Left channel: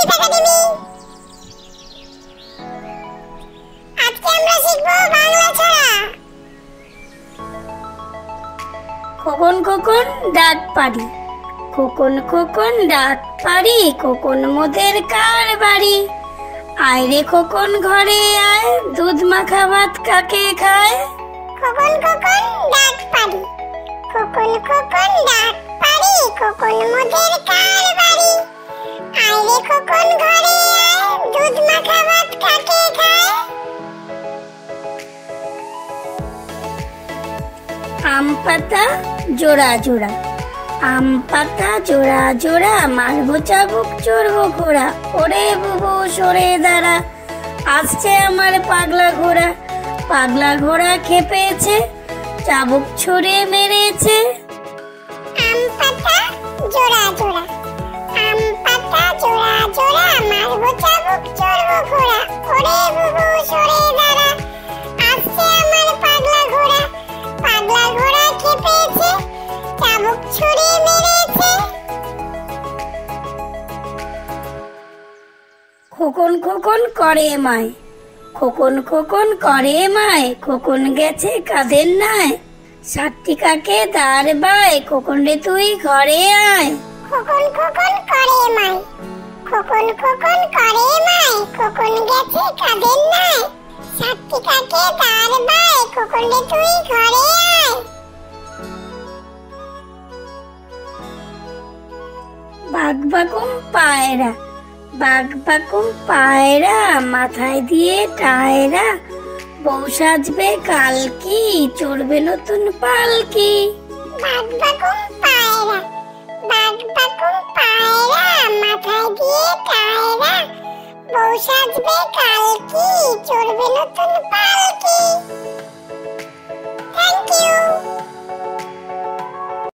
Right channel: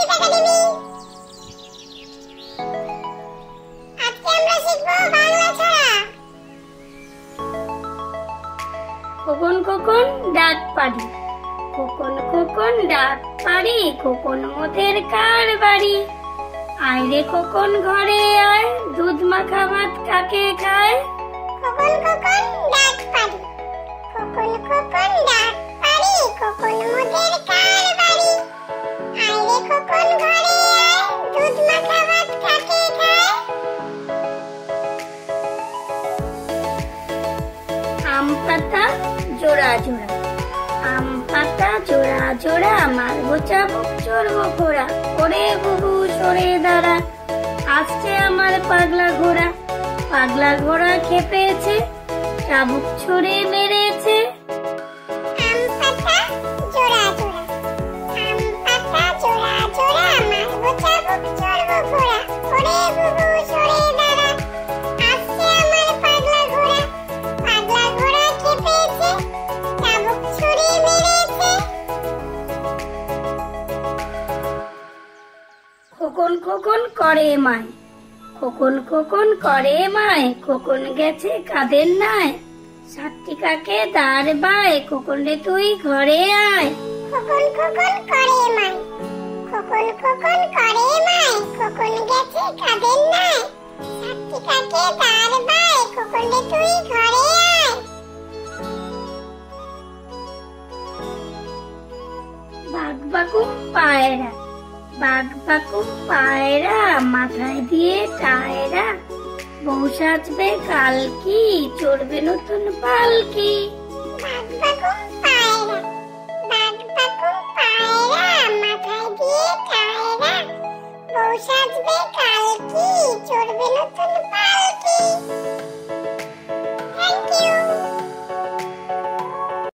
Kid academy. আজকে আমরা শিখব বাংলা ছড়া। খোকন খোকন ডাক পারি, খোকন খোকন ডাক পারি, খোকন মোদের কার বাড়ি। আয় রে খোকন ঘরে আয়, দুধ মাখা ভাত কাকে খায়। খোকন খোকন ডাক পারি, খোকন খোকন ডাক পারি, খোকন মোদের কার বাড়ি। আয় রে খোকন ঘরে আয়, দুধ মাখা ভাত কাকে খায়। আম পাতা জোড়া জোড়া, আম পাতা জোড়া জোড়া, মারবো চাবুক চড়বো ঘোড়া। ওরে বুবু সরে দাঁড়া, আসছে আমার পাগলা ঘোড়া। পাগলা ঘোড়া খেপেছে, চাবুক ছড়ে মেরেছে। আম পাতা জোড়া জোড়া, আম পাতা জোড়া জোড়া, মারবো চাবুক চড়বো ঘোড়া। ওরে বুবু সরে দাঁড়া, আসছে আমার পাগলা ঘোড়া। পাগলা ঘোড়া খেপেছে, চাবুক ছুড়ে মেরেছে। খোকন খোকন করে মায়, খোকন খোকন করে মায়, খোকন গেছে কাদের নাই। সাতটি কাকে দাঁড় বায়, খোকন রে তুই ঘরে আয়। খোকন খোকন করে মাই, খোকন খোকন করে মাই, খোকন গেছে কাদের নাই। সাতটি কাকে দাঁড় বায়, খোকন রে তুই ঘরে আয়। বাঘ বাকুম পায়রা, বাঘ বাকুম পায়রা, মাথায় দিয়ে টায়রা। বউ সাজবে কালকি, চড়বে নতুন পালকি। বাঘ বাকুম পায়রা, বাঘ বাকুম পায়রা, মাথায় দিয়ে টায়রা। বউ সাজবে কালকি,